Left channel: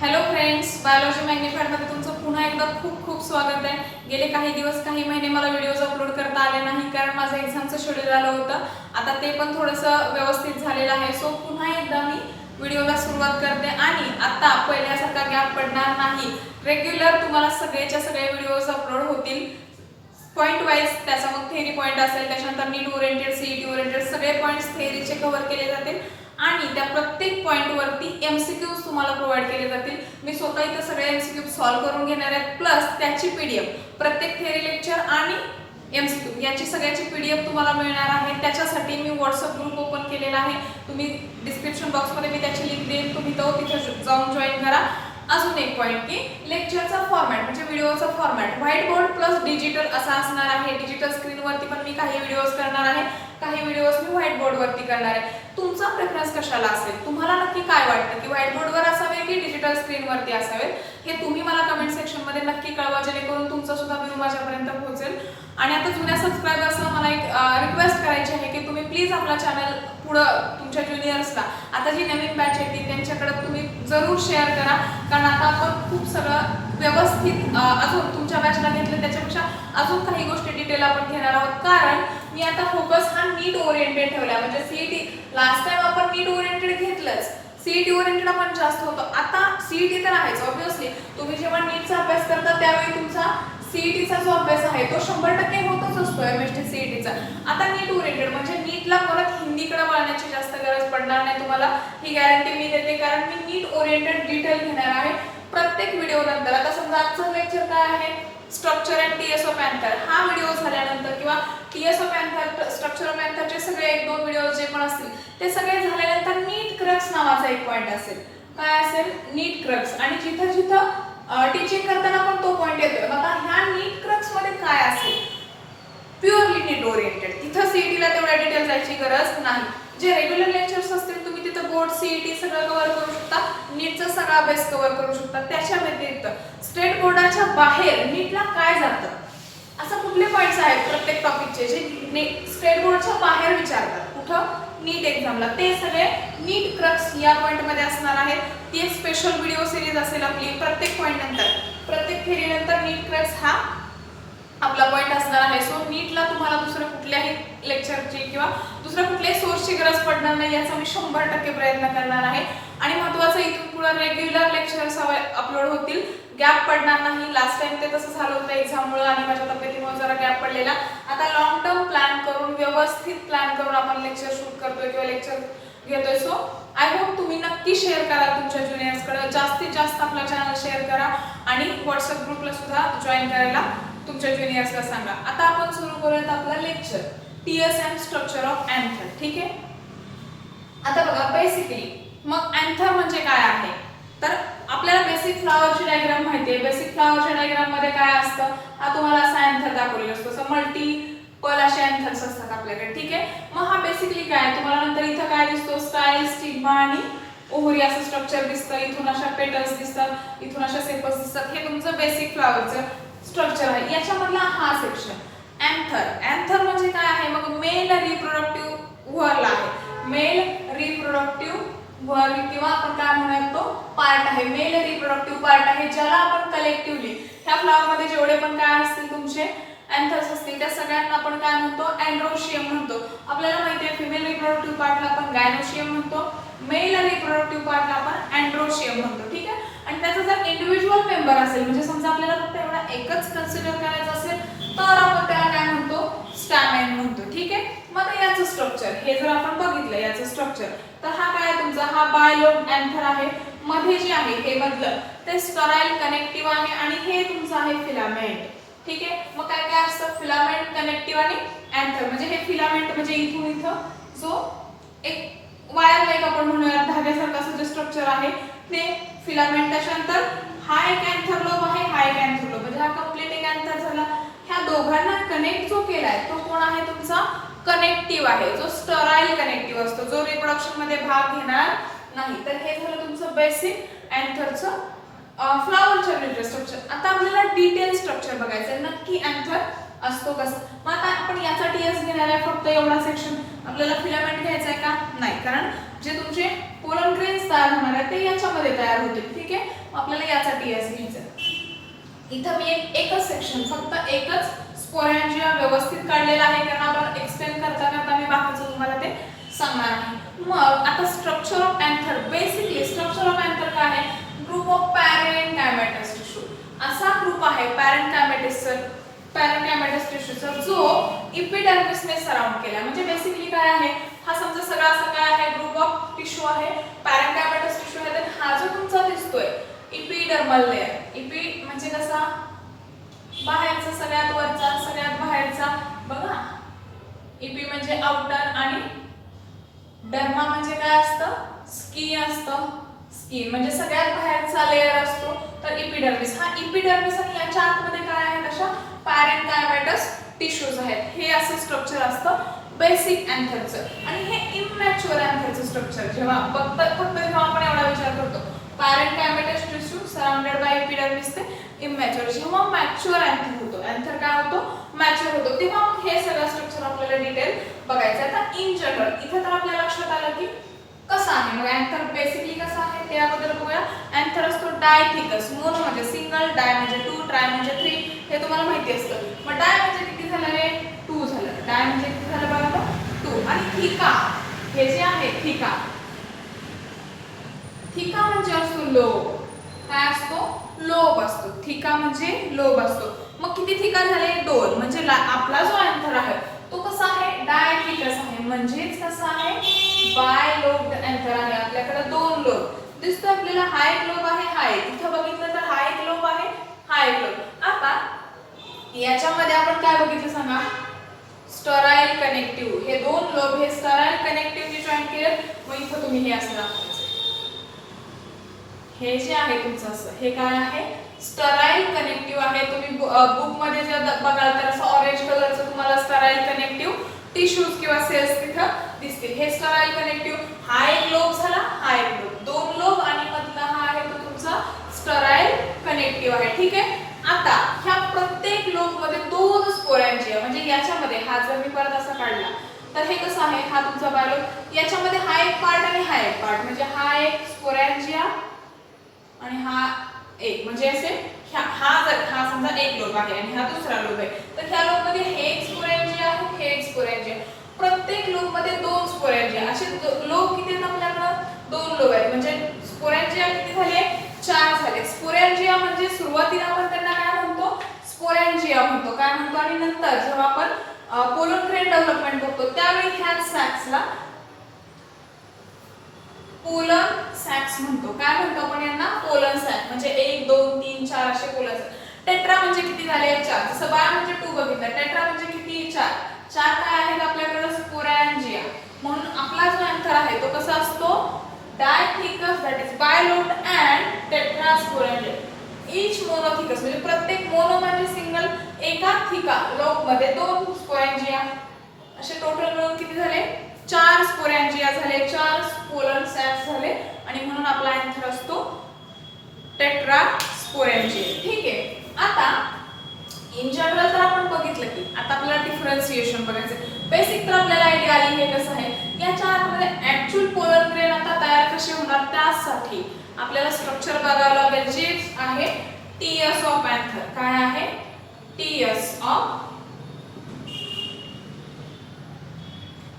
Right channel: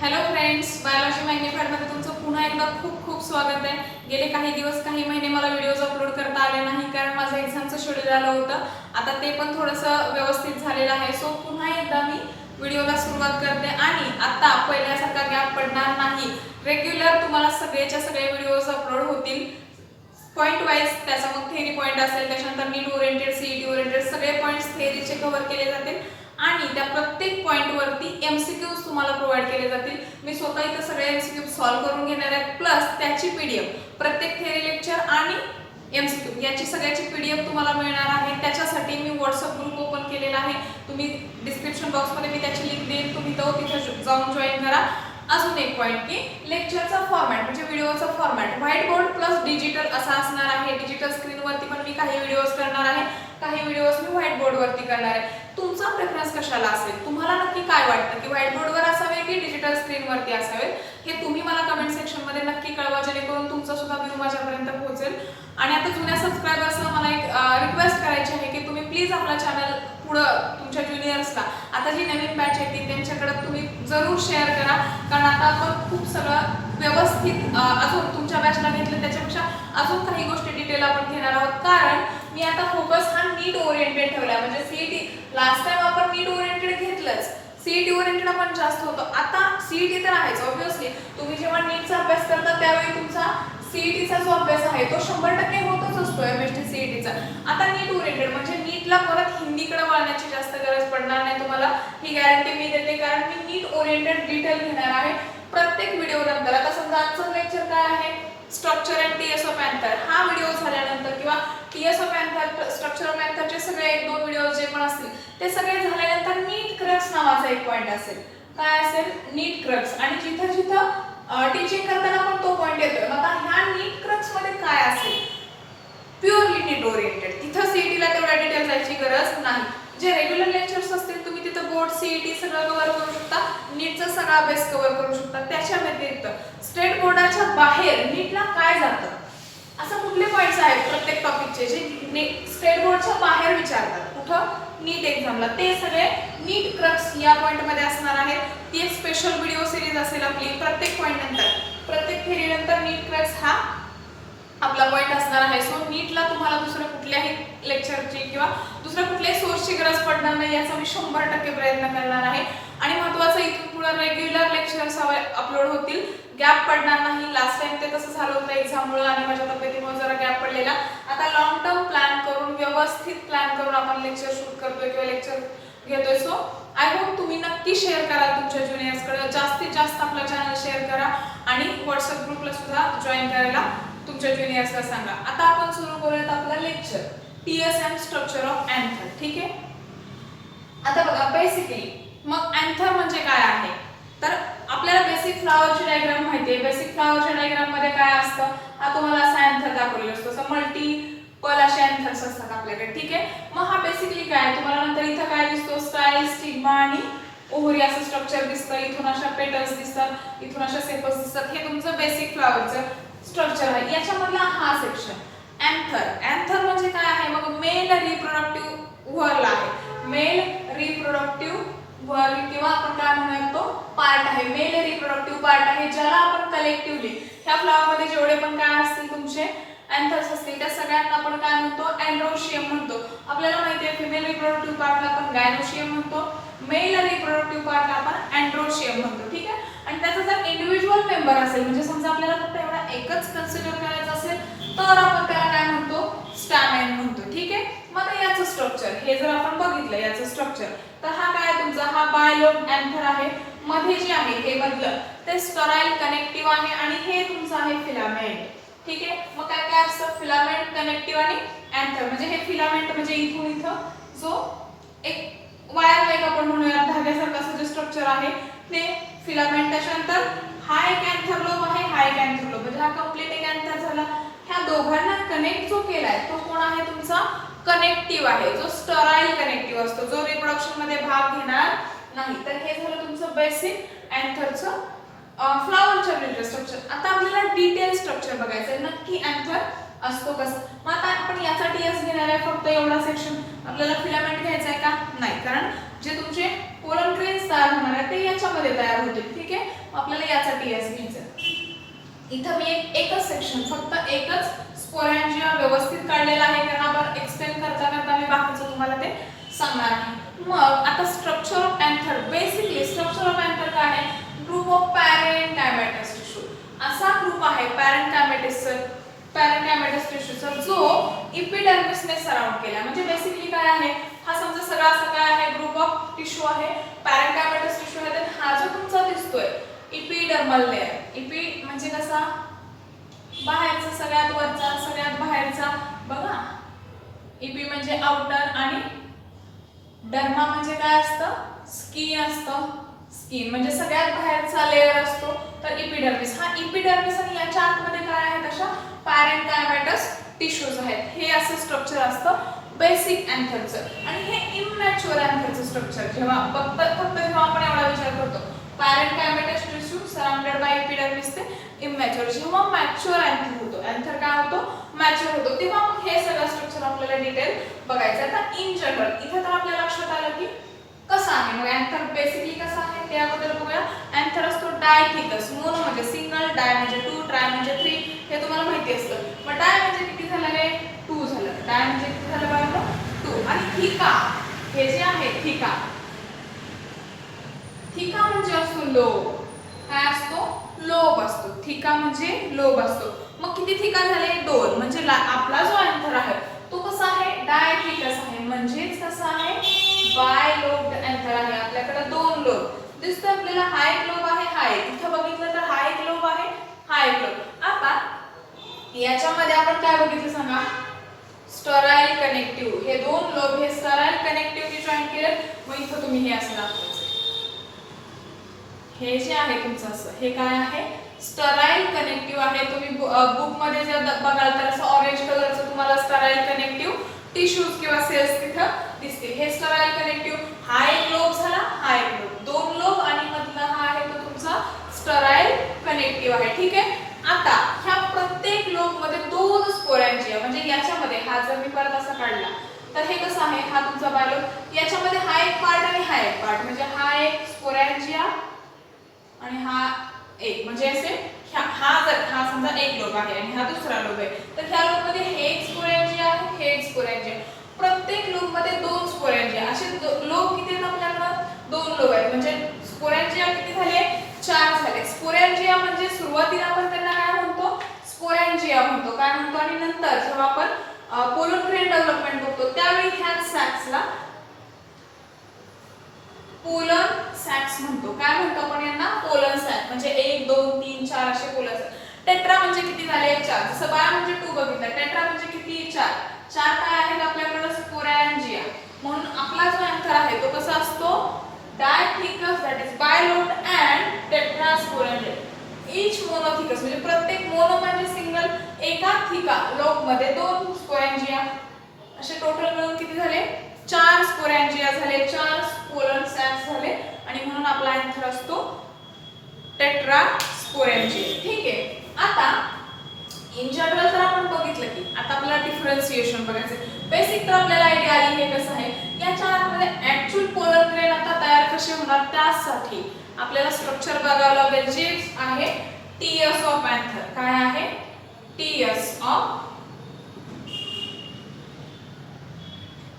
Hello friends, biology मॅग्निफाईडमध्ये तुमचं पुन्हा एकदा खूप खूप स्वागत आहे. गेले काही दिवस काही महिने मला व्हिडिओज अपलोड करता आले नाही कारण माझं एक्झामचं शेड्यूल आलं होतं. आता ते पण थोडंसं व्यवस्थित झालेलं आहे. सो पुन्हा एकदा मी व्हिडिओला सुरुवात करते आणि आता पहिल्यासारखा गॅप पडणार नाही. रेग्युलर तुम्हाला सगळेच्या सगळे व्हिडिओज अपलोड होतील. पॉईंट वाईज त्याचा मग थेरी पॉईंट असेल, त्याच्यानंतर नीट ओरिएंटेड, सीईटी ओरिएंटेड सगळे पॉईंट्स थेरीचे कव्हर केले जातील आणि त्या प्रत्येक पॉईंट वरती एमसीक्यूज तुम्हाला प्रोव्हाइड केले जातील. मी स्वतः इथं सगळे एमसीक्यू सॉल्व्ह करून घेणार आहे, प्लस त्याची पीडीएफ प्रत्येक थेरी लेक्चर आणि एमसीक्यू याची सगळ्याची पीडीएफ तुम्हाला मिळणार आहे. त्याच्यासाठी मी व्हॉट्सअप ग्रुप ओपन केलेला आहे. तुम्ही डिस्क्रिप्शन बॉक्समध्ये मी त्याची लिंक देईन, तुम्ही तो तिथे जाऊन जॉईन करा. अजून एक पॉईंट की लेक्चरचा फॉर्मॅट म्हणजे व्हिडिओचा format whiteboard plus digital असा असणार आहे. डिजिटल स्क्रीनवरती पण मी काही व्हिडिओज करणार आहे, काही व्हिडिओज मी व्हाईट बोर्डवरती करणार आहे. तुमचा प्रेफरन्स कशाला असेल, तुम्हाला नक्की काय वाटतं की व्हाईट बोर्डवर असावे की डिजिटल स्क्रीनवरती असावे, हे तुम्ही मला कमेंट सेक्शनमध्ये नक्की कळवा, जेणेकरून तुमचा सुद्धा व्ह्यू माझ्यापर्यंत पोहोचेल. आणि आता जुन्या सबस्क्रायबर्सला मला एक रिक्वेस्ट करायची आहे की तुम्ही प्लीज आपला चॅनल पुढं तुमच्या ज्युनियर्सला, आता जी नवीन बॅच येते त्यांच्याकडे तुम्ही जरूर शेअर करा. कारण आता आपण खूप सगळं व्यवस्थित अजून तुमच्या बॅचला घेतलं त्याच्यापेक्षा अजून काही गोष्टी डिटेल आपण घेणार आहोत. कारण मी आता फोकस हा नीट ओरिएंटेड ठेवलाय. म्हणजे सीईटी लास्ट टाइम आपण नीट ओरिएंटेड घेतलंच, सीईटी ओरिएंटेड आपण जास्त होतो. आता सीईटी तर आहेच ऑब्व्हियसली. तुम्ही जेव्हा नीटचा अभ्यास करता त्यावेळी तुमचा सीईटीचा जो अभ्यास आहे तो 100% होतच असतो एमएसटी सीईटीचा. आता नीट ओरिएंटेड म्हणजे नीटला परत हिंदीकडे वळण्याची जास्त गरज पडणार नाही तुम्हाला, ही गॅरंटी मी देते. कारण मी नीट ओरिएंटेड डिटेल घेणार आहे प्रत्येक व्हिडिओ नंतर. आता समजा आजचं लेक्चर काय आहे, स्ट्रक्चर अँड टीएसओ पॅन्थर, हा व्हिडिओ झाल्यानंतर किंवा टीएसओ पॅन्थर, स्ट्रक्चर पॅन्थरचे सगळे 1-2 व्हिडिओ जे पण असतील ते सगळे झाल्यानंतर नीट क्रक्स नावाचा एक पॉईंट असेल. काय असेल, नीट क्रक्स. आणि जिथं जिथं टीचिंग करताना पण तो पॉईंट येतोय. मग ह्या नीट क्रक्स मध्ये काय असेल, प्युअरली नीट ओरिएंटेड. तिथं सीईटीला तेवढ्या डिटेल जायची गरज नाही. जे रेग्युलर लेक्चर्स असतील तुम्ही तिथं बोर्ड सीईटी सगळं कव्हर करू शकता, नीटचा सगळा अभ्यास कव्हर करू शकता. त्याच्या व्यतिरिक्त स्टेट बोर्डाच्या बाहेर नीटला काय जातं, असं कुठले पॉईंट्स आहेत प्रत्येक टॉपिकचे जे स्टेट बोर्डच्या बाहेर विचारतात कुठं, नीट एक्झामला, ते सगळे नीट क्रक्स या पॉईंट मध्ये असणार आहेत. ती एक स्पेशल व्हिडिओ सिरीज असेल आपली. प्रत्येक पॉईंट नंतर, प्रत्येक फेरी नंतर नीट क्रक्स हा आपला पॉईंट असणार आहे. सो नीटला तुम्हाला दुसऱ्या कुठल्याही लेक्चरची किंवा दुसऱ्या कुठल्याही सोर्सची गरज पडणार नाही याचा मी 100% प्रयत्न करणार आहे. आणि महत्त्वाचं, इथून पुढे रेग्युलर लेक्चर्स अपलोड होतील, गॅप पडणार नाही. लास्ट टाइम ते तसं झालं होतं एक्झाममुळे आणि माझ्या तब्येतीमुळे जरा गॅप पडलेला. आता लॉंग टर्म प्लॅन करून, व्यवस्थित प्लॅन करून आपण लेक्चर शूट करतोय किंवा लेक्चर घेतोय. सो आय होप तुम्ही नक्की शेअर करा तुमच्या ज्युनियर्सकडे, जास्तीत जास्त आपला चॅनल शेअर करा आणि व्हॉट्सअप ग्रुपला सुद्धा जॉईन करायला तुमच्या ज्युनियर्सला सांगा. आता आपण सुरू करूयात आपला lecture, TSM structure of anther. ठीक आहे. आता बघा बेसिकली मग अँथर म्हणजे काय आहे, तर आपल्याला बेसिक फ्लॉवरची डायग्राम माहिती आहे. बेसिक फ्लॉवरच्या डायग्राम मध्ये काय असतं, हा तुम्हाला असा अँथर दाखवलेला असतो. असं मल्टिपल असे अँथर्स असतात आपल्याकडे. ठीक आहे. मग हा बेसिकली काय, तुम्हाला नंतर इथं काय दिसतो, स्टाईल, स्टिग्मा आणि ओव्हरी असं स्ट्रक्चर दिसतं. इथून अशा पेटल्स दिसतात, इथून अशा सेपल्स दिसतात. हे तुमचं बेसिक फ्लॉवरचं स्ट्रक्चर आहे. याच्यामधला हा सेक्शन अँथर. अँथर म्हणजे काय आहे, मग मेल रिप्रोडक्टिव्ह व्हर्ल आहे. मेल रिप्रोडक्टिव्ह व्हर्ल किंवा आपण काय म्हणतो पार्ट आहे. मेल रिप्रोडक्टिव्ह पार्ट आहे, ज्याला आपण कलेक्टिव्हली ह्या फ्लॉवर मध्ये जेवढे पण काय असतील तुमचे अँथर्स असतील त्या सगळ्यांना आपण काय म्हणतो, अँड्रोशियम म्हणतो. आपल्याला माहिती आहे फिमेल रिप्रोडक्टिव्ह पार्टला आपण गायनोशियम म्हणतो, मेल रिप्रोडक्टिव्ह पार्टला आपण अँड्रोशियम म्हणतो. ठीक आहे. आणि त्याचा जर इंडिव्हिज्युअल मेंबर असेल, म्हणजे समजा आपल्याला फक्त एवढा एकच कन्सिडर करायचा असेल तर आपण त्याला काय म्हणतो, स्टॅमेन म्हणतो. ठीक आहे. मग याचं स्ट्रक्चर हे जर आपण बघितलं, याचं स्ट्रक्चर, तर हा काय तुमचा हा बायलोब अँथर आहे. मध्ये जे आहे हे मधलं ते स्टराईल कनेक्टिव्ह आहे आणि हे तुमचं आहे फिलामेंट. ठीक आहे. मग काय काय असतं, फिलामेंट, कनेक्टिव्ह आणि अँथर. म्हणजे हे फिलामेंट म्हणजे इथून इथं जो एक वायर लाईक आपण म्हणूया धाग्यासारखं असं जे स्ट्रक्चर आहे ते फिलामेंट. त्याच्यानंतर हा एक अँथर लोब आहे, हा एक अँथर लोब, म्हणजे हा कंप्लीट एक अँथर झाला. ह्या दोघांना कनेक्ट जो केलाय तो कोण आहे, तुमचा कनेक्टिव्ह आहे, जो स्टराईल कनेक्टिव्ह असतो, जो रिप्रोडक्शन मध्ये भाग घेणार नाही. तर हे झालं तुमचं बेसिक अँथरचं फ्लॉवरच्या रिलेटेड स्ट्रक्चर. आता आपल्याला डिटेल स्ट्रक्चर बघायचं नक्की अँथर असतो कसं. मग आता आपण याचा टीएस घेणार आहे फक्त एवढा सेक्शन. आपल्याला फिलामेंट घ्यायचा आहे का? नाही, कारण जे तुमचे पोलन ग्रेन्स तयार होणार आहेत ते याच्यामध्ये तयार होतील. ठीक आहे, आपल्याला याचा टीएस घ्यायचा आहे. इथं मी एकच सेक्शन, फक्त एकच स्पोरॅन्जिया व्यवस्थित काढलेला आहे, कारण आपण एक्सप्लेन करता मी बाकीचं तुम्हाला ते सांगणार आहे. मग आता structure of anther. Basically structure of anther काय आहे? Group of parenchymatous tissue. असा ग्रुप आहे पॅरेन्कायमॅटस टिश्यूचा जो इपिडर्मिसने सराउंड केला. म्हणजे बेसिकली काय आहे, हा समजा सगळा असा काय आहे, ग्रुप ऑफ टिश्यू आहे, पॅरेन्कायमॅटस टिश्यू आहे. तर हा जो तुमचा दिसतोय इपिडर्मल लेयर, इपी म्हणजे कसा, बाहेरचा, सगळ्यात वरचा, सगळ्यात बाहेरचा. बघा, इपी म्हणजे आउटर आणि डर्मा म्हणजे काय असतं, स्किन असतं. स्किन म्हणजे सगळ्यात बाहेरचा लेयर असतो. तर इपिडर्मिस, हा इपिडर्मिस आणि याच्या आतमध्ये काय आहे, तशा पॅरेन्कायमॅटस टिश्यूज आहेत. हे असं स्ट्रक्चर असतं बेसिक अँथरचं. आणि हे इमॅच्युअर अँथरचं स्ट्रक्चर. जेव्हा फक्त जेव्हा आपण एवढा विचार करतो, पॅरेन्कायमॅटस टिश्यू सराउंडेड बाय एपिडर्मिस, ते इमॅच्युअर. जेव्हा मॅच्युअर अँथर होतो, अँथर काय होतो, मॅच्युअर होतो, तेव्हा मग हे सगळं स्ट्रक्चर आपल्याला डिटेल बघायचं. आता इन जनरल इथे तर आपल्या लक्षात आलं की कसं आहे, म्हणजे अँथर बेसिकली कसं आहे ते अगोदर बघूया. अँथर असतो डायथिकस. मोनो म्हणजे सिंगल, डाय म्हणजे 2, ट्राय म्हणजे 3, हे तुम्हाला माहिती असतं. मग डाय म्हणजे किती झालं, हे 2 झालं. डाय म्हणजे किती झालं बघा, 2. आणि थिका, हे जे आहे थिका, थिका म्हणजे असतो लोब. काय असतो, लोब असतो. थिका म्हणजे लोब असतो. मग किती थिका झाले, 2. म्हणजे आपला जो अँथर आहे तो कसा आहे, डायथिकस आहे. म्हणजेच कसा आहे, बाय लोब्ड अँथर आहे. आपल्याकडे 2 लोब दिसतो आपल्याला. हा एक लोब आहे, हा एक. इथं बघितलं तर हा एक लोब आहे, हा एक लोब. आता याच्यामध्ये आपण काय बघितलं सांगा, स्टराईल कनेक्टिव्ह. हे 2 लोब हे स्टराईल कनेक्टिव्हली जॉईन केले. मग इथं तुम्ही हे असं दाखवायचं, हे जे आहे तुमचं असं, हे काय आहे, स्टराईल कनेक्टिव्ह आहे. तुम्ही बुक मध्ये जर बघाल तर असं ऑरेंज कलरचं तुम्हाला स्टराईल कनेक्टिव्ह टिश्यूज किंवा सेल्स तिथं दिसतील. हे स्टराईल कनेक्टिव्ह. हा एक लोब झाला, हा एक लोब, 2 लोब आणि मधला हा आहे तो तुमचा स्टराईल कनेक्टिव्ह आहे. ठीक आहे. आता ह्या प्रत्येक लोब मध्ये 2 स्पोरॅन्जिया, म्हणजे याच्यामध्ये हा जर मी परत असं काढला तर हे कसं आहे, हा तुमचा बायलोब. याच्यामध्ये हा एक पार्ट आणि हा एक पार्ट, म्हणजे हा एक स्पोरॅन्जिया आणि हा एक, म्हणजे असे हा समजा एक लोब आहे आणि हा दुसरा लोब आहे. तर ह्या लोब मध्ये हे एक स्पोरॅन्जिया आहे, हे एक स्पोरॅन्जिया. प्रत्येक लोब मध्ये 2 स्पोरॅन्जिया. असे लोब किती आहेत आपल्याकडे, 2 लोब आहेत. म्हणजे स्पोरॅन्जिया किती झाले, 4 झाले. स्पोरॅन्जिया म्हणजे सुरुवातीला आपण त्यांना काय म्हणतो, स्पोरॅन्जिया म्हणतो. काय म्हणतो, आणि नंतर जेव्हा आपण पोलन ग्रेन डेव्हलपमेंट बघतो त्यावेळी ह्या सॅक्सला पोलन सॅक्स म्हणतो. काय म्हणतो आपण यांना, पोलन सॅक. म्हणजे 1 2 3 4 असे पोलन सॅक. टेट्रा म्हणजे किती झाले, 4. जसं बार म्हणजे 2 बघितलं, टेट्रा म्हणजे किती, 4. 4 काय आहेत आपल्याकडे, स्पोरॅन्जिया. म्हणून आपला जो अँथर आहे तो कसा असतो, dithecous, that is bilobed and tetrasporangiate. Each monothecous, म्हणजे प्रत्येक मोनो म्हणजे सिंगल, एका थिका लोब मध्ये 2 स्पोरॅन्जिया. असे टोटल मिळून किती झाले, 4 स्पोरॅन्जिया झाले, 4 पोलन सॅक्स झाले. आणि म्हणून आपला अँथर असतो टेट्रास्पोरॅन्जिया. ठीक आहे. आता इन जनरल तर आपण बघितलं की आता आपल्याला डिफरन्सिएशन बघायचं. बेसिक तर आपल्याला आयडिया आली हे कसं आहे. याच्या आतमध्ये ऍक्च्युअल पोलन ग्रेन आता तयार कसे होणार, त्यासाठी आपल्याला स्ट्रक्चर बघावं लागेल, जे आहे टीएस ऑफ अँथर. काय आहे, टीएस ऑफ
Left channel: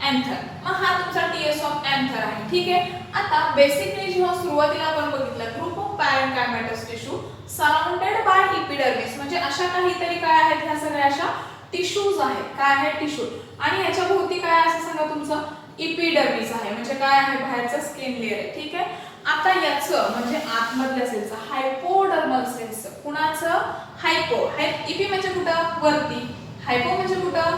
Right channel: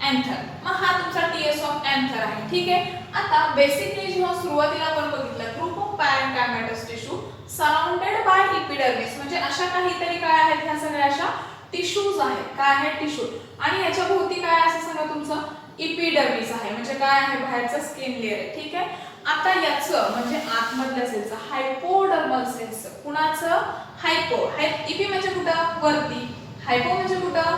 अँथर. मग हा तुमचा टीएस ऑफ अँथर आहे. ठीक आहे. आता बेसिकली जेव्हा सुरुवातीला आपण बघितलं, group of parenchymatous tissue surrounded by epidermis, म्हणजे अशा काहीतरी काय आहेत, ह्या सगळ्या अशा टिश्यूज आहेत. काय आहे, टिश्यू. आणि याच्या भोवती काय असं सांगा, तुमचं इपिडर्मिस आहे. म्हणजे काय आहे, बाहेरचं स्किन लेअर आहे. ठीक आहे. आता याचं म्हणजे आतमधल्या सेलचं, हायपोडर्मल सेल्सचं, कुणाचं, हायपो. इपी म्हणजे कुठं, वरती. हायपो म्हणजे कुठं,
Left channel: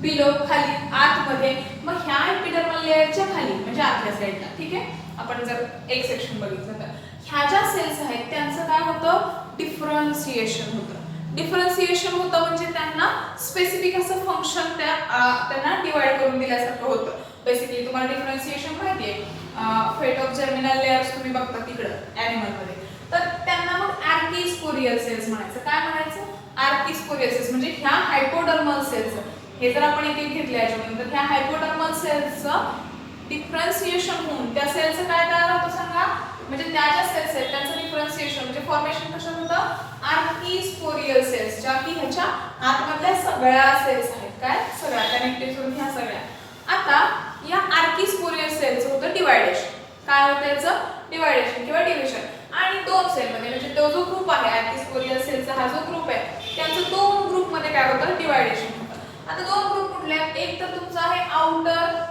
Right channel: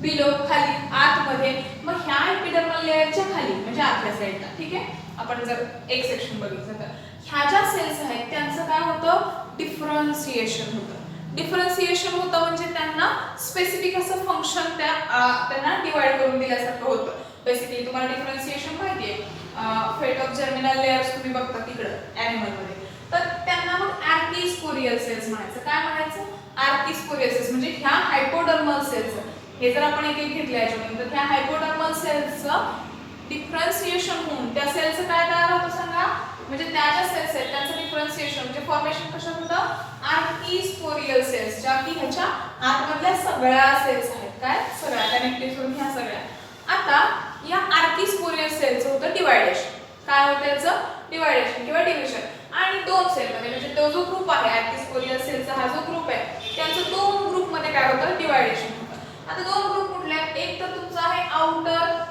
बिलो, खाली, आतमध्ये. मग ह्या एपिडर्मल लेयरच्या खाली म्हणजे आतल्या साईडला. ठीक आहे. आपण जर एक सेक्शन बघितलं तर ह्या ज्या सेल्स आहेत त्यांचं काय होतं, डिफरन्सिएशन होतं. डिफरन्सिएशन होतं म्हणजे त्यांना स्पेसिफिक असं फंक्शन त्यांना डिवाइड करून दिल्यासारखं होतं. बेसिकली तुम्हाला डिफरन्सिएशन माहिती आहे, फेट ऑफ जर्मिनल लेयर्स तुम्ही बघता तिकडं ॲनिमल मध्ये. तर त्यांना मग आर्किस्पोरियल सेल्स म्हणायचं. काय म्हणायचं? Archesporial cells. म्हणजे ह्या हायपोडर्मल सेल्स, हे जर आपण एक एक घेतले याच्यामध्ये, तर ह्या हायपोडर्मल सेल्सचं डिफरन्शिएशन होऊन त्या सेलचं काय तयार होतं सांगा? म्हणजे त्या ज्या सेल्स आहेत त्यांचं डिफरन्शिएशन म्हणजे फॉर्मेशन कशात होतं? आर्किस्पोरियल सेल्स, ज्या की ह्याच्या आतमधल्या सगळ्या सेल्स आहेत. काय? सगळ्या कनेक्टेड सोडून ह्या सगळ्या. आता या आर्किस्पोरियल सेलचं होतं डिवायडेशन. काय होतं याचं? डिवायडेशन किंवा डिव्हिजन. आणि दोन सेल मध्ये म्हणजे तो जो ग्रुप आहे आर्किस्पोरियल सेलचा हा जो ग्रुप आहे त्यांच्या दोन ग्रुप मध्ये काय होतं? डिवायडेशन होतं. आता दोन ग्रुप कुठले आहेत? एक तर तुमचा आहे आउटर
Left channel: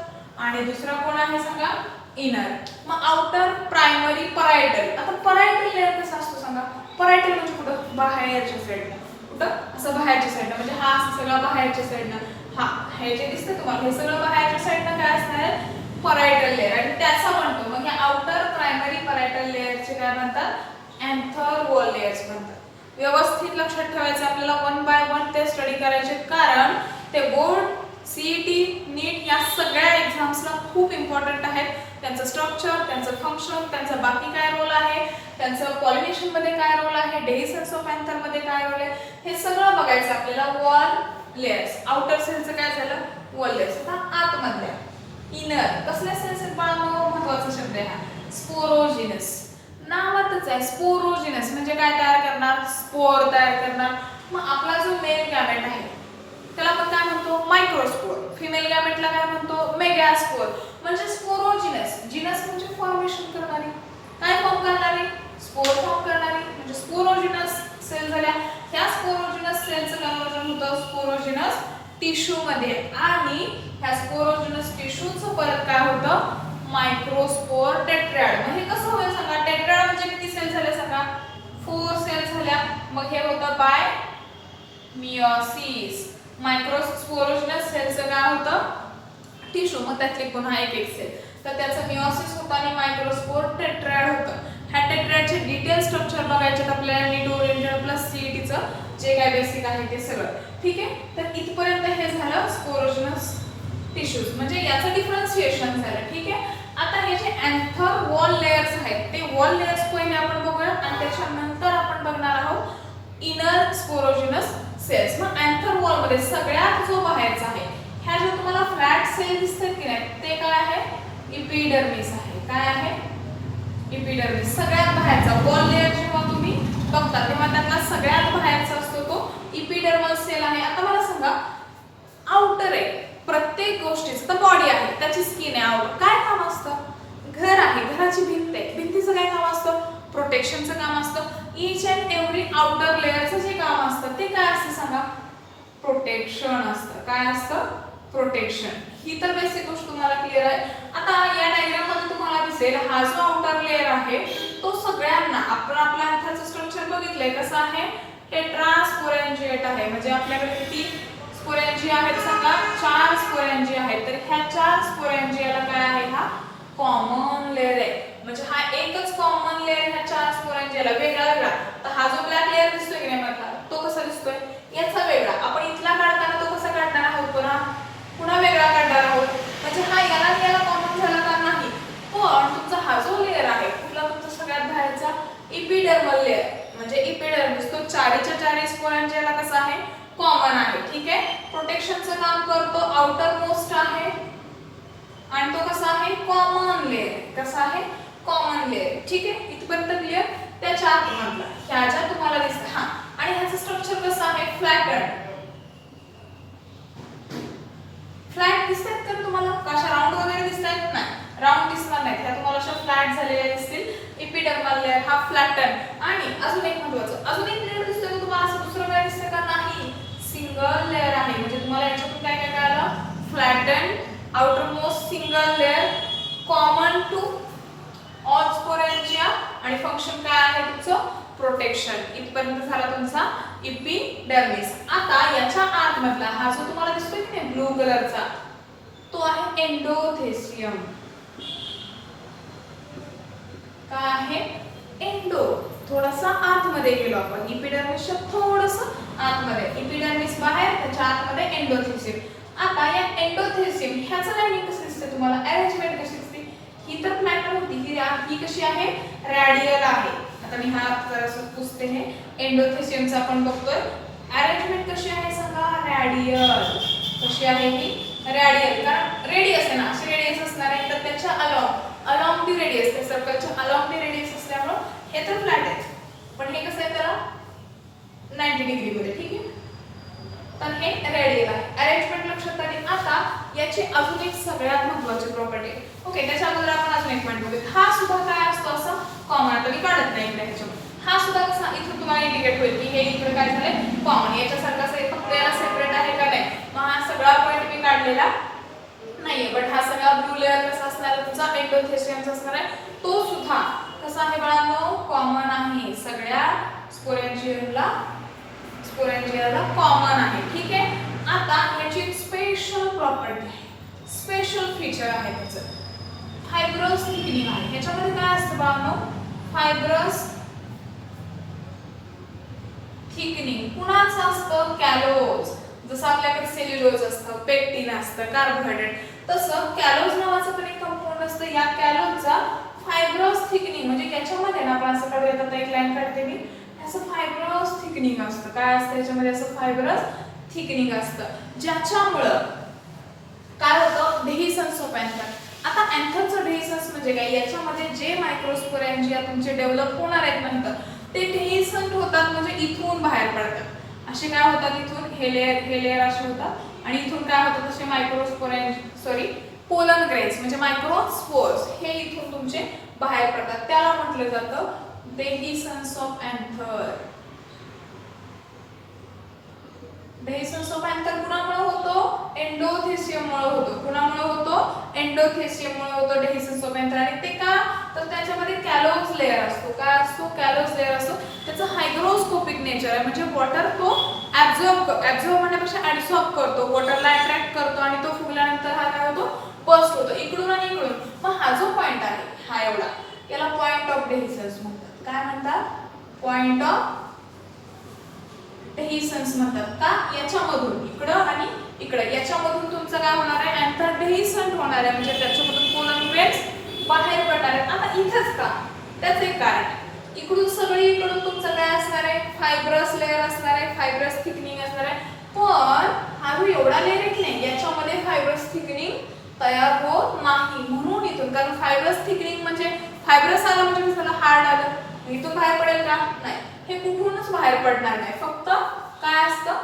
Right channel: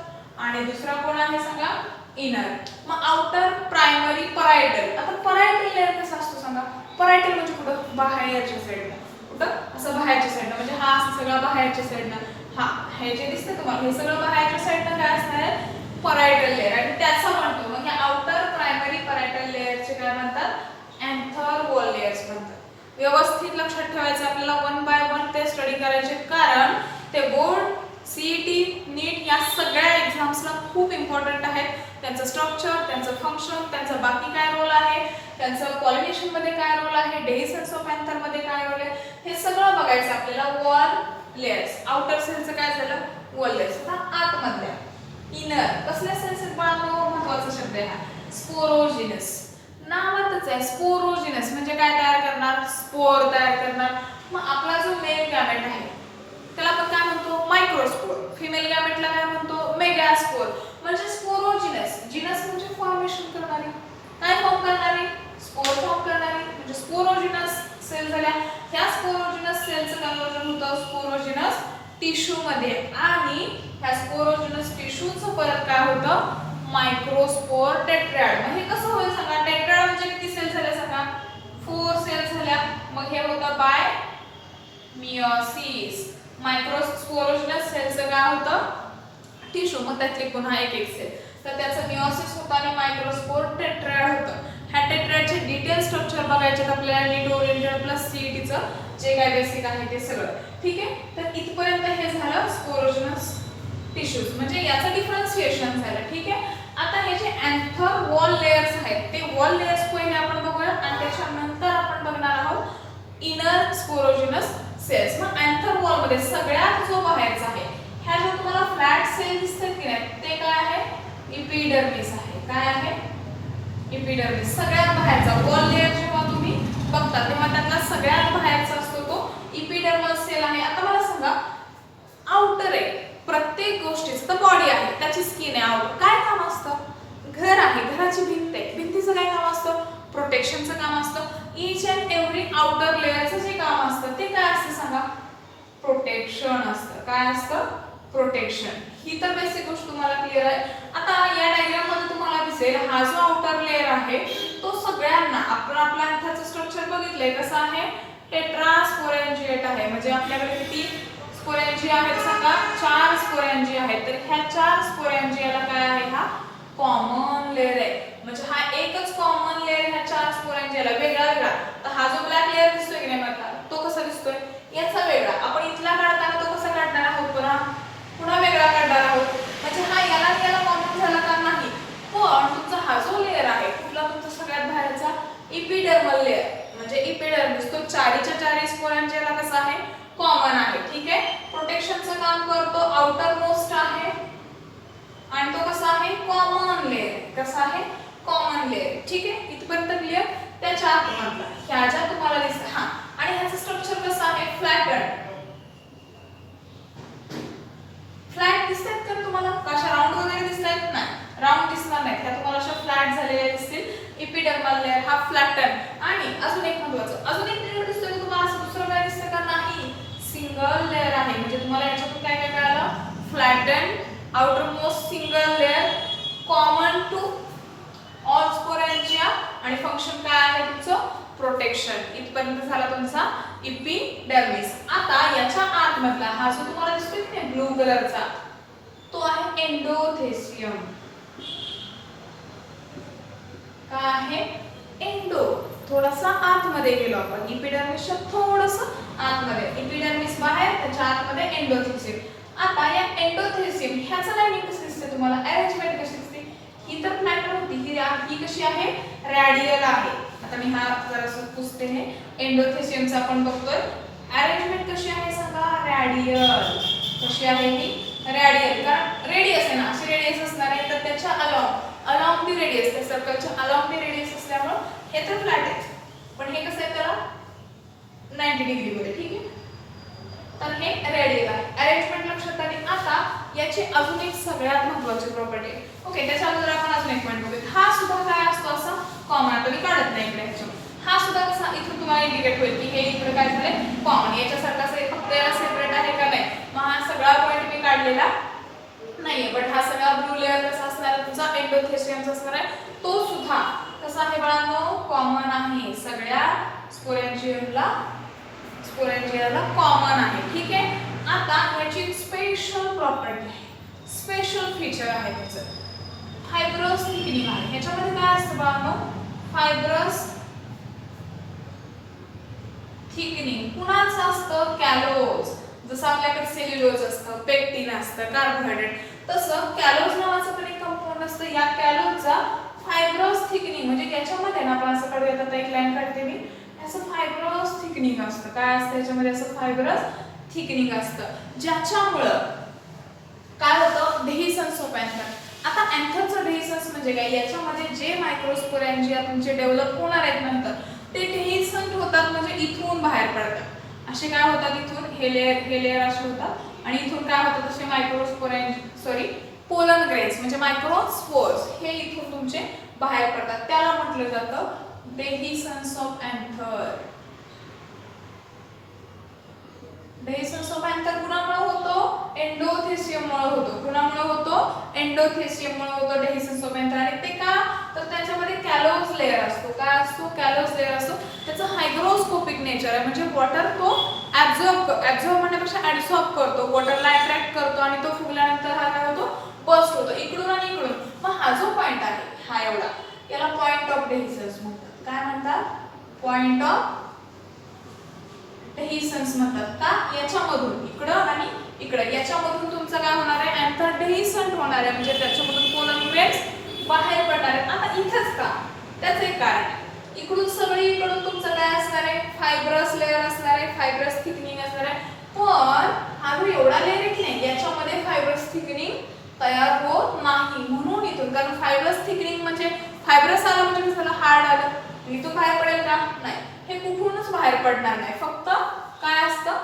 आणि दुसरा कोण आहे सांगा? इनर. मग आउटर, प्रायमरी, परायटल. आता परायटल लेअर कसं असतो सांगा? परायटल म्हणजे कुठं? बाहेरच्या साईडला. कुठं? असं बाहेरच्या साईडला. म्हणजे हा असं सगळं बाहेरच्या साईडला. हा हे जे दिसतं तुम्हाला हे सगळं बाहेरच्या साईडला काय असणार आहे? Parietal layer. आणि त्याचा म्हणतो मग हे आउटर, प्रायमरी, परायटल लेअरचे काय म्हणतात? अँथर वॉल लेयर्स म्हणतात. व्यवस्थित लक्षात ठेवायचं आपल्याला, 1 बाय 1 ते स्टडी करायचे, कारण ते बोर्ड, सीईटी, नीट या सगळ्या एक्झाम्सला खूप इम्पॉर्टंट आहेत. त्यांचं स्ट्रक्चर, त्यांचं फंक्शन, त्यांचा बाकी काय रोल आहे, त्यांचं पॉलिनेशन मध्ये काय रोल आहे, डेहिसन्स ऑफ अँथर मध्ये काय रोल आहे, हे सगळं बघायचं आपल्याला. वॉल लेयर्स, आउटर सेलचं काय झालं? Wall layers. आता आतमधल्या इनर कसल्या सेल्स आहेत बाळांनो? महत्त्वाचा शब्द आहे हा, स्पोरोजिनस. नावातच आहे स्पोरोजिनस म्हणजे काय तयार करणार? स्पोर तयार करणार. मग आपला जो मेल गॅमेट आहे त्याला आपण काय म्हणतो? मायक्रोस्पोर. फिमेल गॅमेटला काय म्हणतो? मेगास्पोर. म्हणजे स्पोरोजिनस. जिनस म्हणजे फॉर्मेशन करणारी. काय फॉर्म करणारी? स्पोर फॉर्म करणारी. म्हणजे स्पोरोजिनस सेल झाल्या. ह्या स्पोरोजिनस सेलचं कन्वर्जन होतं स्पोरोजिनस टिश्यू मध्ये. आणि ह्या स्पोरोजिनस टिश्यूचं परत काय होतं? मायक्रोस्पोर टेट्रॅड. म्हणजे कसं होईल सांगा? टेट्रॅड म्हणजे किती सेल झाल्या सांगा? 4 सेल झाल्या. मग हे होतं बाय मियोसिस. मायक्रोस्पोरोजिनस सेलचं काय होतं? टिश्यू. मग त्यातले पुन्हा एक एक सेल. तर त्याचं मियोसिस होतं आणि मायक्रोस्पोर टेट्रॅड होतं. ह्या टेट्रॅडचे डिटेल स्ट्रक्चर बघायचे आपल्याला नीट ओरिएंटेड प्लस सीईटीचं जे काय बेसिक आहे ते सगळं. ठीक आहे. तर इथपर्यंत हे झालं स्पोरोजिनस टिश्यूज. म्हणजे याचं डिफरन्शिएशन झालं. ठीक आहे. आता हे जे अँथर वॉल लेयर्स आहेत ते वॉल लेयर्स पहिले आपण बघूया आणि त्याच्यानंतर आपण बघणार आहोत इनर स्पोरोजिनस सेल्स. मग अँथर वॉल मध्ये सगळ्यात जो बाहेरचा आहे, ह्या जो तुम्हाला फ्लॅट सेल दिसतात की नाही ते काय आहे? इपिडर्मिस आहे. काय आहे? इपिडर्मिस. सगळ्यात बाहेरचा वॉल लेयर जेव्हा तुम्ही बघता तेव्हा त्यातला सगळ्यात बाहेरचा असतो तो इपिडर्मल सेल आहे. आता मला सांगा, आउटर आहे प्रत्येक गोष्टीचं, तर बॉडी आहे, त्याची स्किन आहे, आउटर काय काम असतं? घर आहे, घराची भिंत आहे, भिंतीचं काय काम असतं? प्रोटेक्शनचं काम असतं. इच अँड एव्हरी आउटर लेयरचं जे काम असतं ते काय असतं सांगा? प्रोटेक्शन असतं. काय असतं? प्रोटेक्शन. ही तर बेसिक गोष्ट तुम्हाला क्लिअर आहे. आता या डायग्राम मध्ये तुम्हाला दिसेल हा जो आउटर लेयर आहे तो सगळ्यांना, आपण आपल्या हाताचं स्ट्रक्चर बघितलंय कसं आहे? टेट्रास्पोरेंजिएट आहे. म्हणजे आपल्याकडे किती स्पोरेंजिया आहेत सांगा? 4 स्पोरेंजिया आहेत. तर ह्या 4 स्पोरेंजियाला काय आहे? हा कॉमन लेयर आहे. म्हणजे हा एकच कॉमन लेयर ह्या 4 स्पोरेंजियाला वेगळा वेगळा. तर हा जो ब्लॅक लेयर दिसतोय की नाही मला, तो कसा दिसतोय? याचा वेगळा. आपण इथला काढताना तो कसा काढणार आहोत? पुन्हा वेगळा काढणार आहोत. म्हणजे हा याला कॉमन झाला का? नाही. पण तुमचा हा जो लेयर आहे कुठला? तुमचा सगळ्यात बाहेरचा इपिडर्मल लेयर म्हणजे इपिडर्मिस. तो 4च्या 4 स्पोरेंजियाला कसा आहे? कॉमन आहे. ठीक आहे. प्रोटेक्शनचं काम करतो, आउटर मोस्ट आहे आणि तो कसा आहे? Common layer. कसा आहे? Common layer. ठीक आहे. इथपर्यंत क्लिअर? त्याच्या आतमधला ह्या ज्या तुम्हाला दिसत हा आणि ह्याचं स्ट्रक्चर कसं आहे? फ्लॅटन. फ्लॅट दिसतात तर तुम्हाला कशा राऊंड वगैरे दिसतात? नाही, राऊंड दिसणार नाही. त्या तुम्हाला अशा फ्लॅट झालेल्या दिसतील. इपिडर्मल लेयर हा फ्लॅटन. आणि अजून एक महत्त्वाचं, अजून एक लेयर दिसतोय तुम्हाला, असं दुसरं काय दिसतं का? नाही, सिंगल लेयर आहे. म्हणजे तुम्हाला याच्यातून काय काय कळालं? Flatten, outermost single layer, common to all sporangia आणि फंक्शन काय आहे तुमचं? प्रोटेक्शन. इथपर्यंत झाला तुमचा इपिडर्मिस. आता याच्या आतमधला हा जो तुम्हाला दिसतोय की नाही ब्लू कलरचा, तो आहे एंडोथेसियम. काय आहे? एंडो. थोडासा आतमध्ये गेलो आपण. इपिडर्मिसच्या थोडंसं आतमध्ये. इपिडर्मिस बाहेर, त्याच्या आतमध्ये एंडोथेसियम. आता या एंडोथेसियम ह्याचं काय कसं दिसतं तुम्हाला? अरेंजमेंट कशी दिसते? ही तर मॅटर होती की ही कशी आहे? रॅडियल आहे. आता मी हा जरासं पुसते. हे एंडोथेसियमचा आपण बघतोय. अरेंजमेंट कशी आहे सांगा? रॅडियल. कशी आहे ही? रॅडियल. कारण रेडियस आहे ना, असे रेडियस असणार आहे तर त्याच्या अलॉंग दी रेडियस, त्या सर्कलच्या अलॉंग दी रेडियस असल्यामुळे हे तर फ्लॅट आहे. पण हे कसं आहे त्याला 90 डिग्री मध्ये. ठीक आहे, तर हे रेडियल आहे. अरेंजमेंट लक्षात आली. आता याची अजून एक सगळ्यात महत्त्वाची प्रॉपर्टी. ओके, त्याच्या अगोदर आपण अजून एक पॉईंट बघूया. हा सुद्धा काय असतो असा कॉमन. आता मी काढत नाही इकडे ह्याच्यामध्ये. हा सुद्धा कसा इथून तुम्हाला इंडिकेट होईल की हे इकडे काय झालंय कॉमन. याच्यासारखा फक्त याला सेपरेट आहे का नाही. मग हा सगळा पॉईंट मी काढलेला नाहीये. बट हा सगळा ब्लू लेअर कसा असणार आहे तुमचा? एंडोथेसियमचा असणार आहे. तो सुद्धा कसा आहे बाळांनो? कॉमन आहे. सगळ्या स्पोरेंजियमला कॉमन आहे. ठीक आहे, आता याची स्पेशल प्रॉपर्टी आहे, स्पेशल फीचर आहे त्याचं. फायब्रस थिकनिंग आहे. ह्याच्यामध्ये काय असतं बाळांनो? Fibrous thickening. कुणाचं असतं? कॅलोज. जसं आपल्याकडे सेल्युलोज असतं, पेक्टिन असतं, कार्बोहायड्रेट, तसं कॅलोज नावाचं पण एक कंपाऊंड असतं. या कॅलोजचा फायब्रस थिकनिंग म्हणजे याच्यामध्ये ना आपण असं कडे येतात एक लाईन काढते मी, असं फायब्रस थिकनिंग असतं. काय असतं याच्यामध्ये? असं फायब्रस थिकनिंग असतं, ज्याच्यामुळं काय होतं? डेहिसन्स ऑफ अँथर. आता अँथरचं डेहिसन्स म्हणजे काय? याच्यामध्ये जे मायक्रोस्पोरेंजिया तुमचे डेव्हलप होणार आहेत नंतर ते डेहिसन्ट होतात, म्हणजे इथून बाहेर पडतात. असे काय होतात? इथून हे लेयर असे होतात आणि इथून काय होतात? असे पोलन ग्रेन्स म्हणजे मायक्रोस्पोर्स हे इथून तुमचे बाहेर पडतात. त्याला म्हटलं जातं डेहिसन्स ऑफ अँथर. डेहिसन्स ऑफ अँथर कुणामुळे होतो? एंडोथेसियममुळे होतो. कुणामुळे होतो? एंडोथेसियममुळे होतो डेहिसन्स ऑफ अँथर. आणि ते का? तर त्याच्यामध्ये कॅलोज लेयर असतो. काय असतो? कॅलोज लेयर असतो. त्याचं हायग्रोस्कोपिक नेचर आहे, म्हणजे वॉटर तो ऍब्झॉर्ब म्हणण्यापेक्षा ऍब्झॉर्ब करतो, वॉटरला अट्रॅक्ट करतो आणि तो फुगल्यानंतर हा काय होतो? बस्ट होतो इकडून आणि इकडून. मग हा जो पॉइंट आहे हा एवढा, याला पॉइंट ऑफ डेहिसन्स म्हणतात. काय म्हणतात? पॉइंट ऑफ डेहिसन्स म्हणतात. का? याच्यामधून इकडं आणि इकडं याच्यामधून तुमचं काय होणार आहे? अँथर डेहिसन्ट होणार आहे, म्हणजे त्याच्यामधून पोलन ग्रेन्स बाहेर पडणार आहेत. आता इथंच का? त्याचं एक कारण. इकडून सगळीकडून तुमचं काय असणार आहे? फायब्रस लेयर असणार आहे, फायब्रस थिकनिंग असणार आहे. पण हा जो एवढा लेयर आहे की नाही, याच्यामध्ये फायब्रस थिकनिंग तयार होत नाही. म्हणून इथून, कारण फायब्रस थिकनिंग म्हणजे फायब्रस आला म्हणजे त्याला हार्ड आलं, इथून बाहेर पडेल का? नाही. हे कुठूनच बाहेर पडणार नाही. फक्त काय असतं?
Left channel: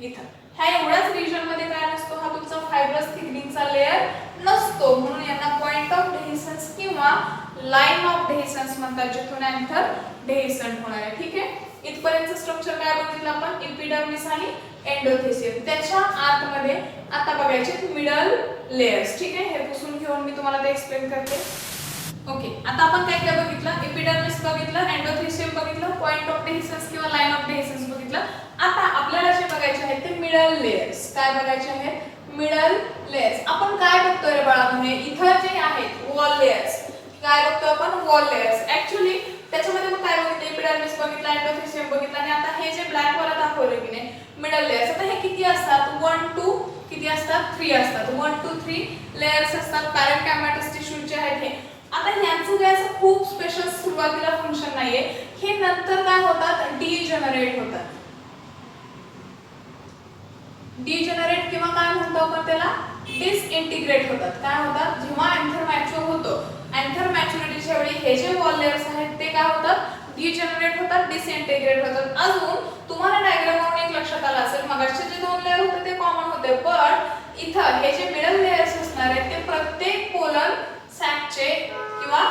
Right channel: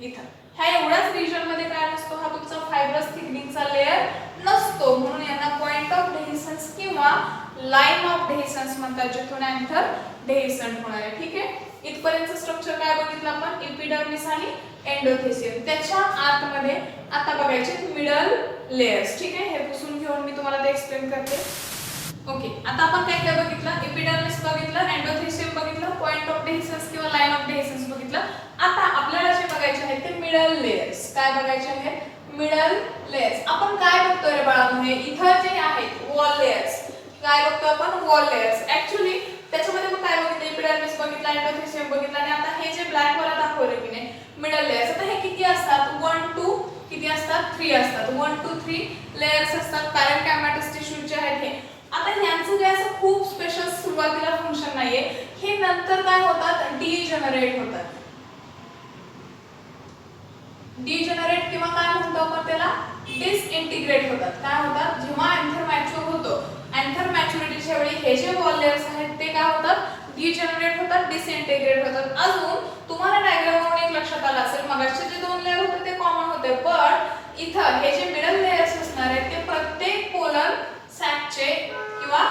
इथं ह्या एवढ्याच रिजन मध्ये काय नसतो? हा तुमचा फायब्रस थिकनिंगचा लेयर नसतो. म्हणून यांना पॉइंट ऑफ डेहिसन्स किंवा लाईन ऑफ डेहिसन्स म्हणतात, जिथून अँथर डेहिसन्ट होणार आहे. ठीक आहे, इथपर्यंत स्ट्रक्चर काय बघितलं आपण? एपिडर्मिस आणि एंडोथेसियम. त्याच्या आतमध्ये आता बघायचे मिडल लेयर्स. ठीक आहे, हे पुसून घेऊन मी तुम्हाला ते एक्सप्लेन करते. ओके, आता आपण काय काय बघितलं? एपिडर्मिस बघितलं, एंडोथेसियम बघितलं, पॉइंट ऑफ डेहिसन्स किंवा लाईन ऑफ डेहिसन्स बघितलं. आता आपल्याला जे बघायचे आहेत ते मिडल लेयर्स. काय बघायचे आहेत? Middle layers. आपण काय बघतोय रे बाळांनो? इथं जे आहेत वॉल लेयर्स. काय बघतो आपण? Wall layers. ऍक्च्युली त्याच्यामध्ये मग काय बघितलं? एपिडर्मिस बघितला, एंडोथेसियम बघितला आणि आता हे जे ब्लॅक वर दाखवले की नाही मिडल लेयर्स. आता हे किती असतात? 1 2 किती असतात? 3 असतात. 1 2 3 लेयर्स असतात. पॅरेन्कायमॅटस टिश्यूचे आहेत हे. आता ह्यांचं काय असं खूप स्पेशल सुरुवातीला फंक्शन नाहीये. हे नंतर काय होतात? डीजनरेट होतात. डीजनरेट किंवा काय म्हणतो आपण त्याला? डिसइंटिग्रेट होतात. काय होतात? जेव्हा अँथर मॅच्युअर होतो, अँथर मॅच्युरिटीच्या वेळी हे जे वॉल लेयर्स आहेत ते काय होतात? डीजनरेट होतात, डिसइंटिग्रेट होतात. अजून तुम्हाला डायग्रामवरून एक लक्षात आलं असेल, मगाचे जे 2 लेयर होते ते कॉमन होते, पण इथं हे जे मिडल लेयर्स असणार आहेत ते प्रत्येक पोलर सॅकचे किंवा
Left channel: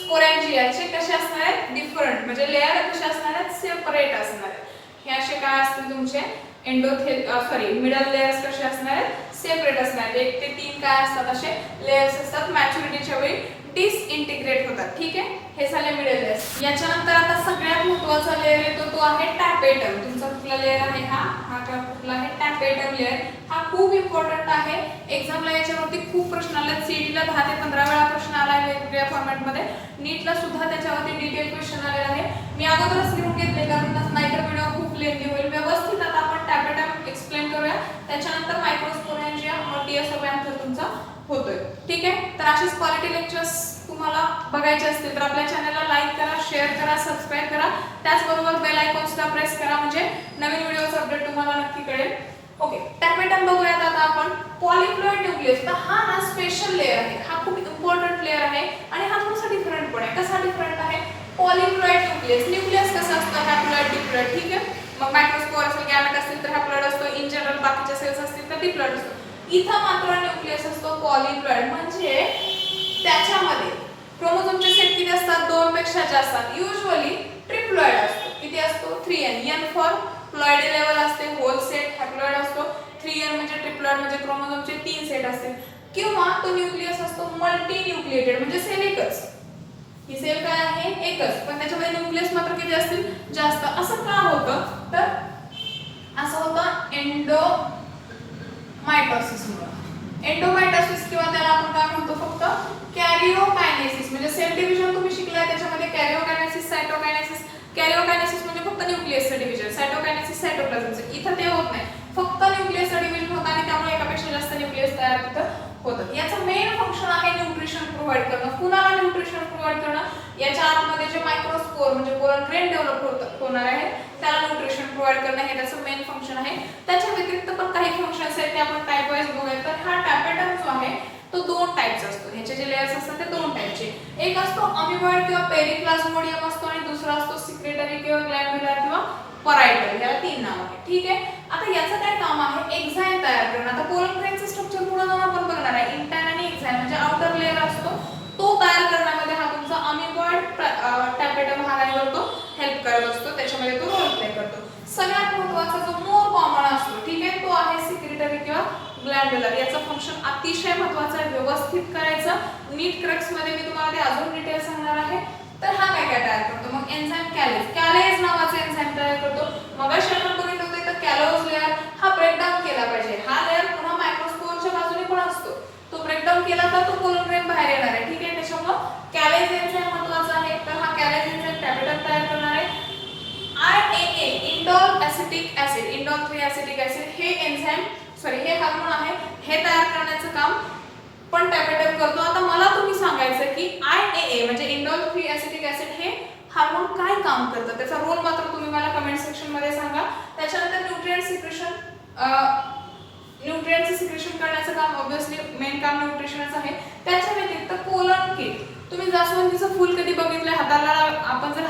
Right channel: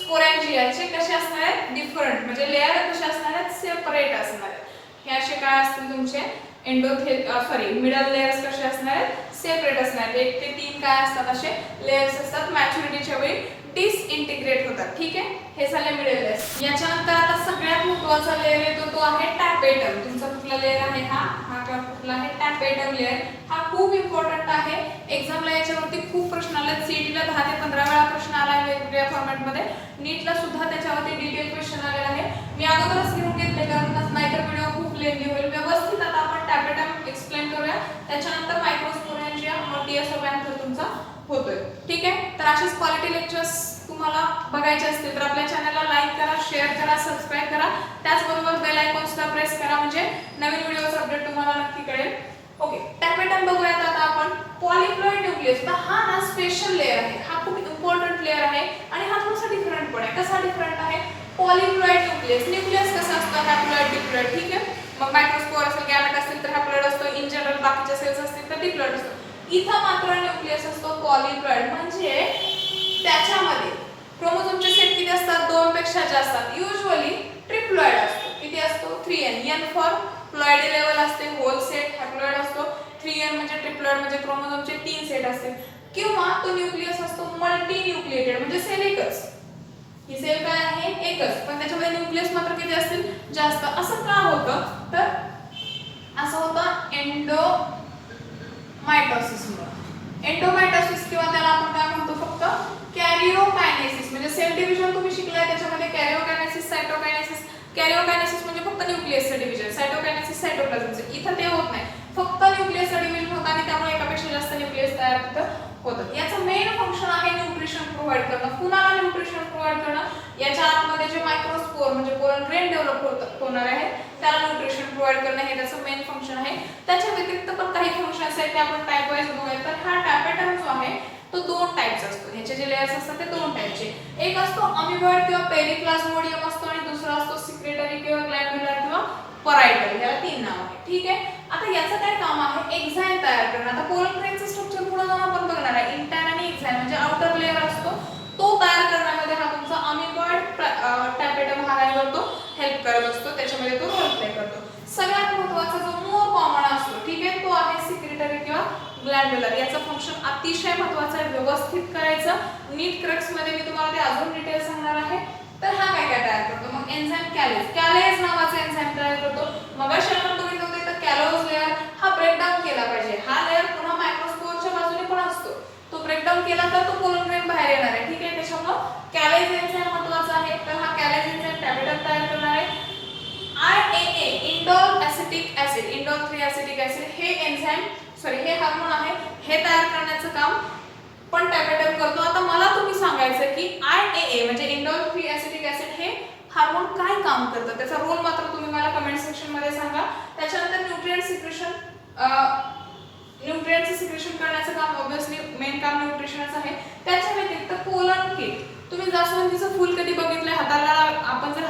स्पोरेंजियाचे कसे असणार आहेत? डिफरंट, म्हणजे लेयर कसे असणार आहेत? सेपरेट असणार आहेत. हे असे काय असतील तुमचे? मिडल लेयर्स कसे असणार आहेत? सेपरेट असणार आहेत. 1 ते 3 काय असतात? असे लेयर्स असतात. मॅच्युरिटीच्या वेळी डिसइंटिग्रेट होतात. ठीक आहे, हे झाले मिडल लेयर्स. याच्यानंतर आता सगळ्यात महत्त्वाचा लेयर येतो, तो आहे टॅपेटम. तुमचा कुठला लेयर आहे? हा कुठला आहे? Tapetum layer. हा खूप इम्पॉर्टंट आहे. एक्झामला याच्यावरती खूप प्रश्न आले. सीईटीला 10 ते 15 वेळा प्रश्न आला वेगवेगळ्या फॉर्मॅट मध्ये. नीटला सुद्धा त्याच्यावरती डिटेल क्वेश्चन आलेला आहे. मी अगोदरच लिहून घेतले, कारण नाहीतर व्हिडिओ खूप लेंदी होईल. व्यवस्थित आता आपण टॅपेटम एक्सप्लेन करूया. त्याच्यानंतर मायक्रोस्पोरेंजिया मग टीएस ऑफ अँथर तुमचा होतोय. ठीक आहे, तर अशीच क्वालिटी लेक्चर्स तुम्हाला बघायचे असतील तर आपल्या चॅनलला लाईक करा, शेअर करा, सबस्क्राईब करा, त्याचबरोबर बेल आयकॉन सुद्धा प्रेस करा, म्हणजे नवीन व्हिडिओचा अपडेट तुम्हाला नक्की कळेल. ओके, टॅपेटम बघूयात आता आपण. पॉलीफ्लोइड न्यूक्लियस, तर हा ना स्पेशल लेअर आहे, हा खूप इम्पॉर्टंट लेअर आहे आणि हा थोडासा डिफरंट पण आहे. कसा डिफरंट आहे? पॉलीफ्लोइड न्यूक्लियस, न्यूक्लियस कसं असतं? Haploid, diploid. ठीक आहे, मग मायक्रोस्पोर असेल, गॅमेट असेल तर हॅप्लॉइड असतो, इन जनरल बाकीच्या सेल्स असतील तर डिप्लॉइड असतो. इथं मात्र न्यूक्लियस असतो पॉलीफ्लोइड, म्हणजे त्याच्यामध्ये क्रोमोझोमचे सेट किती असतात? 2 पेक्षा जास्त असतात. युजुअली ट्रिप्लॉइड असतो. किती असतो? 3n. n for ploidy level असते, होल सेट हॅप्लॉइड असतो. 3n म्हणजे ट्रिप्लॉइड, म्हणजे क्रोमोझोमचे 3 सेट असतील. किंवा तो न्यूक्लियस असतो मल्टी न्यूक्लिएटेड, म्हणजे सेल एकच. ही सेल काय आहे? एकच, पण त्याच्यामध्ये न्यूक्लियस मात्र किती असतील? जास्त. असं का होतं? तर असं होतं एंडोमायटोसिसमुळे. एंडोमायटोसिस किंवा त्याला आपण काय म्हणतो फक्त कॅरिओकायनेसिस, म्हणजे सेल डिव्हिजन तुम्ही शिकलाय त्याच्यामध्ये कॅरिओकायनेसिस, सायटोकायनेसिस. कॅरिओकायनेसिस म्हणजे फक्त न्यूक्लियसचं डिव्हिजन, सायटोकायनेसिस सायटोप्लाझमचं. इथं ते होत नाही, फक्त न्यूक्लियसचं डिव्हिजन होतं आणि त्यामुळे एकापेक्षा जास्त न्यूक्लियस तयार तिथं होतं. याचं मेन फंक्शन आहे न्यूट्रिशन प्रोव्हाइड करणं. कुणाला न्यूट्रिशन प्रोव्हाइड करणं? याच्या आतमध्ये जे मायक्रोस्पोर म्हणजे पोलन ग्रेन डेव्हलप होणार आहे त्याला न्यूट्रिशन प्रोव्हाइड करणं हे त्याचं मेन फंक्शन आहे. त्याच्या व्यतिरिक्त पण काही फंक्शन्स आहेत ते आपण टाइप वाईज बघूया. तर हा टॅपेटम जो आहे तो 2 टाइप्स असतो. ह्याचे जे लेयर्स असतात ते 2 टाइपचे. एक असतो अमिबॉइड किंवा पेरिप्लाझ्मोडियम असतो आणि दुसरा असतो सिक्रेटरी किंवा ग्लॅन्ड्युलर किंवा परायटल. याला 3 नाव आहेत. ठीक आहे, आता याचं काय काम आहे? एक्झाईम तयार करणं. आता पोलन ग्रेनचं स्ट्रक्चर पुढे जाऊन आपण बघणार आहे. इंटायर आणि एक्झाईम म्हणजे आउटर लेयर असतो तो तयार करण्यामध्ये हा तुमचा अमिबॉइड टॅपेटम हा काय करतो? हेल्प करत असतो, त्याच्यामध्ये तो रोल प्ले करतो. सगळ्यात महत्त्वाचा जो मोर कॉमन असतो, ठीक आहे, तो आहे सिक्रेटरी किंवा ग्लॅन्ड्युलर. याचं फंक्शन अतिशय महत्त्वाचं आहे, व्यवस्थित करायचं. नीट क्रक्स मध्ये मी तुम्हाला ते अजून डिटेल सांगणार आहे. तर हा काय काय तयार करतो? मग एन्झाईम कॅलेज. कॅलेज नावाचा एन्झाईम तयार करतो. मगाशी आपण बघितलं होतं तर कॅलोज लेअर हा ब्रेकडाऊन केला पाहिजे. हा लेअर पुन्हा मायक्रोस्कोपच्या बाजूने पण असतो, तो ब्रेकडाऊन केला तर तो पोलन ग्रेन बाहेर येणार आहे. ठीक आहे, त्याच्यामुळे कॅलेज एन्झाईम महत्त्वाचा आहे. तर हा कॅलेज एन्झाईम टॅपेटम तयार करणार आहे. IAA indole acetic acid, indole 3 acetic acid हे एन्झाईम हे हार्मोन आहे, हे तयार करण्याचं काम पण टॅपेटम करतो. आता मला तुम्ही सांगायचं की IAA म्हणजे इंडोल 3 एसिटिक ऍसिड हे हार्मोन काय काम करतं, त्याचा रोल मात्र तुम्ही मला कमेंट सेक्शन मध्ये सांगा. त्याच्यानंतर न्यूट्रिएंट सिक्रेशन करण्याचं काम ऑब्वियसली मेन काम न्यूट्रिशनच आहे. त्याच्या व्यतिरिक्त पोलन किट. तुम्ही जास्वंदीचं फूल कधी बघितलंय? हाताला आपण जर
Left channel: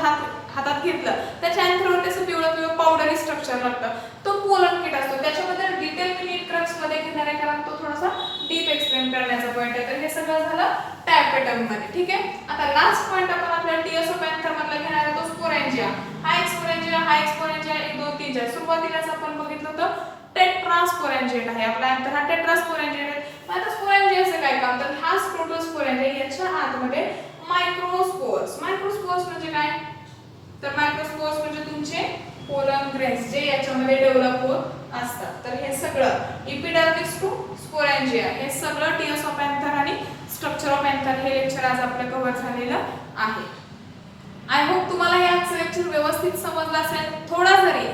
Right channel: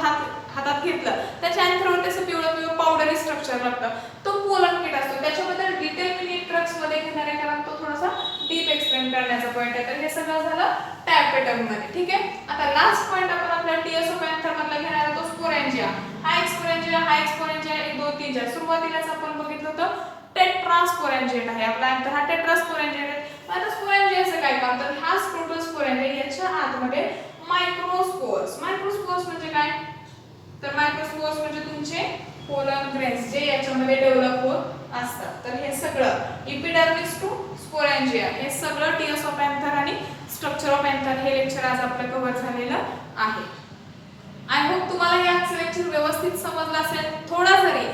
हातात घेतलं त्याच्या अँथरवर त्याचं पिवळं पिवळं पावडरी स्ट्रक्चर लागतं, तो पोलन किट असतो. त्याच्याबद्दल डिटेल मी क्रक्स मध्ये घेणार आहे कारण तो थोडासा डीप एक्सप्लेन करण्याचा पॉईंट आहे. तर हे सगळं झालं टॅपेटम मध्ये. ठीक आहे, आता लास्ट पॉईंट आपण आपल्या टीएसओ पॅन्थर मधला घेणार आहे, तो स्पोरेंजिया. हा एक्सपोरेंजिया 1 2 3 4. सुरुवातीलाच आपण बघितलं होतं टेट्रास्पोरेंजिएट आहे आपला अँथर, हा टेट्रास्पोरेंजिएट आहे. आता स्पोरेंजियाचं काय काम? तर हा प्रोटोस्पोरेंजिया, याच्या आतमध्ये मायक्रोस्पोर्स. मायक्रोस्पोर्स म्हणजे काय? तर मायक्रोस्पोर्स म्हणजे तुमचे पोलन ग्रेन्स जे याच्यामध्ये डेव्हलप होत असतात. तर हे सगळं इपिडर्मिस टू स्पोरेंजिया हे सगळं टीएस ऑफ एंथर आणि स्ट्रक्चर ऑफ एंथर हे लेक्चर आज आपलं कव्हर झालेलं आहे. आय होप तुम्हाला हे आजचं लेक्चर व्यवस्थित समजलं असेल.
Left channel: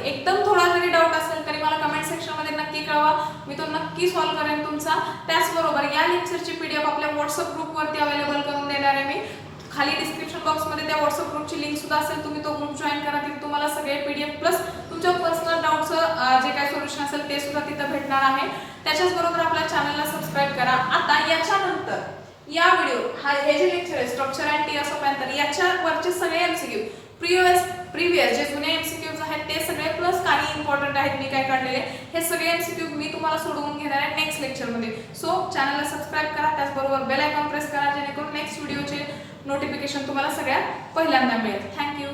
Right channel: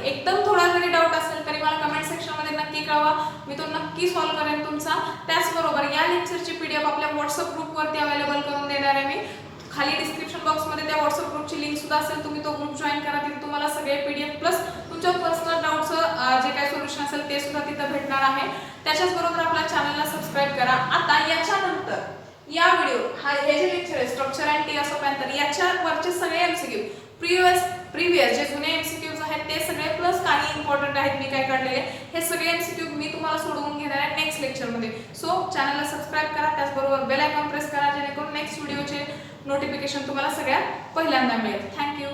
एकदम थोडा जरी डाऊट असेल तरी मला कमेंट सेक्शन मध्ये नक्की कळवा, मी तो नक्की सॉल्व्ह करेन तुमचा. त्याचबरोबर या लेक्चरची पीडीएफ आपल्या व्हॉट्सअप ग्रुपवरती अवेलेबल करून देणार आहे मी. खाली डिस्क्रिप्शन बॉक्स मध्ये त्या व्हॉट्सअप ग्रुपची लिंक सुद्धा असेल, तुम्ही तो ग्रुप जॉईन करा. तिथे तुम्हाला सगळे पीडीएफ प्लस तुमच्या पर्सनल डाऊटचं जे काही सोल्युशन असेल ते सुद्धा तिथं भेटणार आहे. त्याच्याच बरोबर आपल्या चॅनलला सबस्क्राईब करा. आता याच्यानंतर या व्हिडिओ हे जे लेक्चर आहे structure and TS of anther याच्यावरचे सगळे एमसीक्यू प्रिव्हियस जे जुने एमसीक्यूज आहेत ते सगळे प्लस काही इम्पॉर्टंट आहेत मी काय काढलेले, हे सगळे एमसीक्यू मी तुम्हाला सोडवून घेणार आहे नेक्स्ट लेक्चर मध्ये. सो चॅनलला सबस्क्राईब करा, त्याचबरोबर बेल आयकॉन प्रेस करा जेणेकरून नेक्स्ट व्हिडिओचे नोटिफिकेशन तुम्हाला सगळ्यात पहिल्यांदा मिळेल. थँक्यू.